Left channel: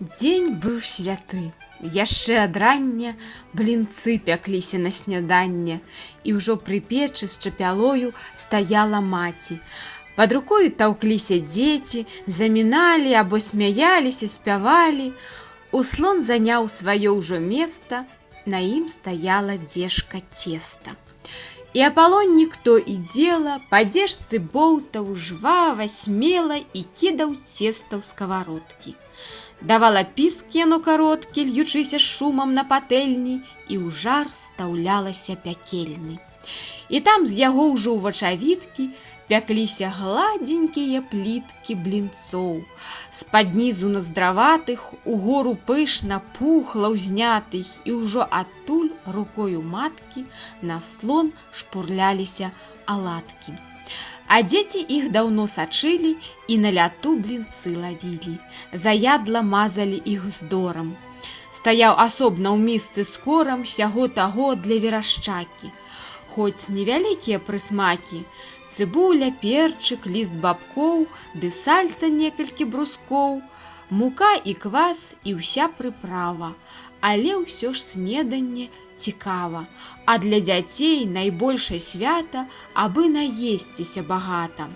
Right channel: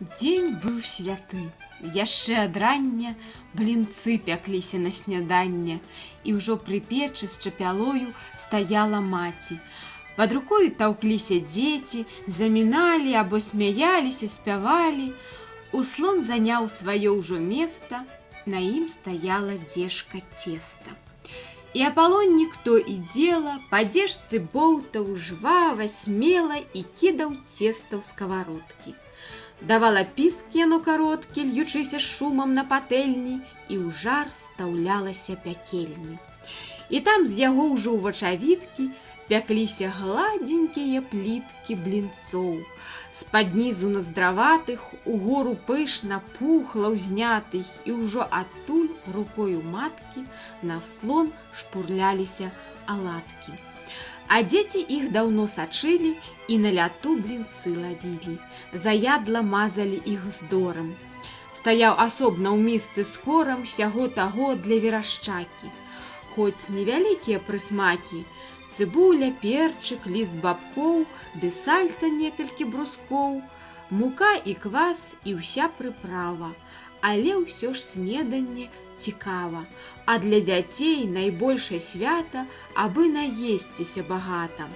Дзень быў святы. Яшчэ ад рання блінцы пякліся на сняданне, і ўжо пры печы з чапялою стаяла маці. Пад рукою таўкліся дзеці, заміналі або смяяліся, спявалі. Услон заняў сваё ўжо места, на ім стаяла дзежка цеста. І Апалоннік то і дзела, па дзежцы боўтаў жвава, смела і кідаў цеста ў скавародкі. Давала піск яно кароткі, льючыся шумам на патэльні, і ў жар стаўлялася пякельны. І там з яго ўжо ў вачавіткі пякліся гладзенькія пліткі блінцоў. З-пад нізу наздраватых угору пышна пухла ўзнятых, і ўжо адтуль рукою маткі на слон шпурляліся аладкі. А дзеці іх даўно сачылі і на ляту блінцы лавілі, заядла мазалі іх уздорам. Стаяў асобна ў місцы з корам сяго-таго для верашчакі. Хоць невялікія прысмакі, цыбуля, перчык, ліст бабкоў, ды сальца некалькі брускоў, мука і квас і ўся прыправа, але ўсё ж снеданне цікава, а для дзяцей найбольшае свята, абы наесціся багата.